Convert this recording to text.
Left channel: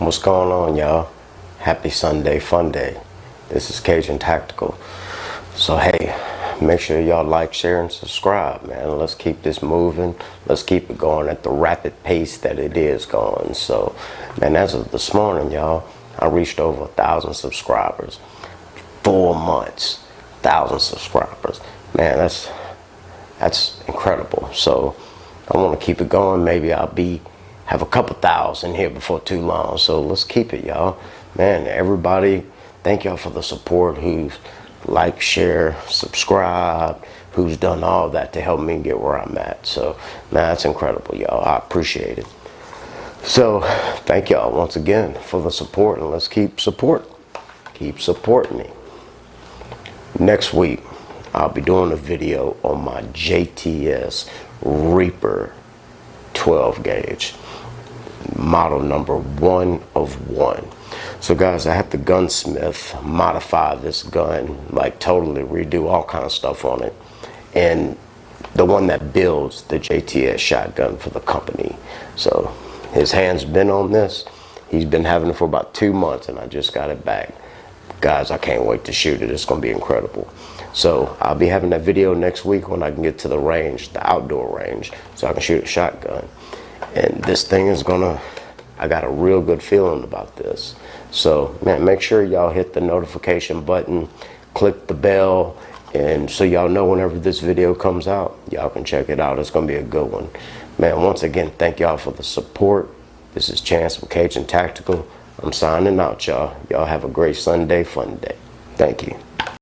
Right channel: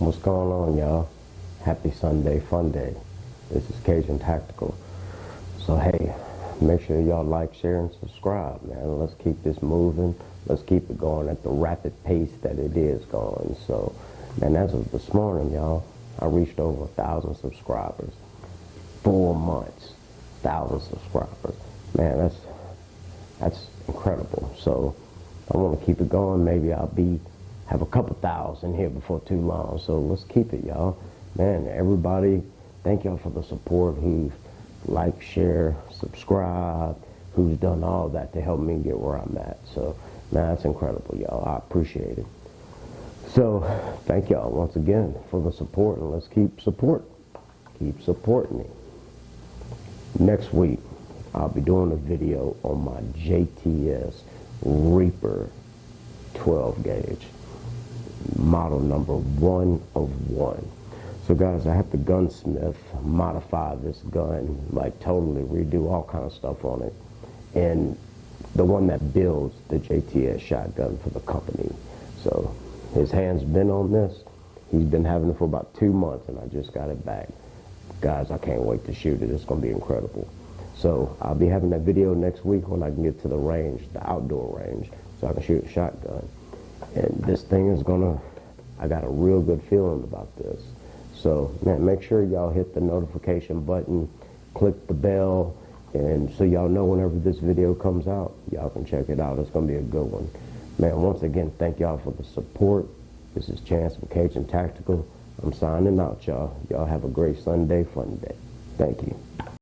What's going on, y'all? Happy Sunday fun day. This is Gage and Tactical. So hey, make sure y'all like, share, and subscribe, man. Let's keep this moving. Let's keep it going at the rapid pace that it is going. So, man, as of this morning, y'all, I reached over 1,000 subscribers. 4 months, 1,000 subscribers. Man, that's incredible. So I want to keep it going. Maybe I'll have a couple thousand here before too long. So let's keep it, y'all. Man, everybody, thank y'all for the support, who's like, share, subscribe, who's done all that to help me get where I'm at. So, man, that's incredible, y'all. I appreciate it. So thank y'all once again for the support, and let's keep supporting me. Next week, I'll be doing a video on my JTS Reaper 12 gauge, model number 1 of 1. So guys, I had the gunsmith modify this gun, like totally redo all kind of stuff on it. And the one that builds the JTS shotgun for the company. So his hand's been on this. He's been having it for about 2 months, and I just got it back. Guys, I can't wait to shoot it. It's gonna be incredible. So I'll be having that video next week when I can get to the range, the outdoor range, so I can shoot a shotgun. And this thing is I got a real good feeling about this. So, man, make sure y'all hit the notification button, click the bell, and so y'all know whenever this video comes out, y'all can check it out. It's gonna be a good one. Man, once again, thank y'all for the support. This is Chance with Gage and Tactical. I'm signing out, y'all. Y'all have a great Sunday fun day. Thank you.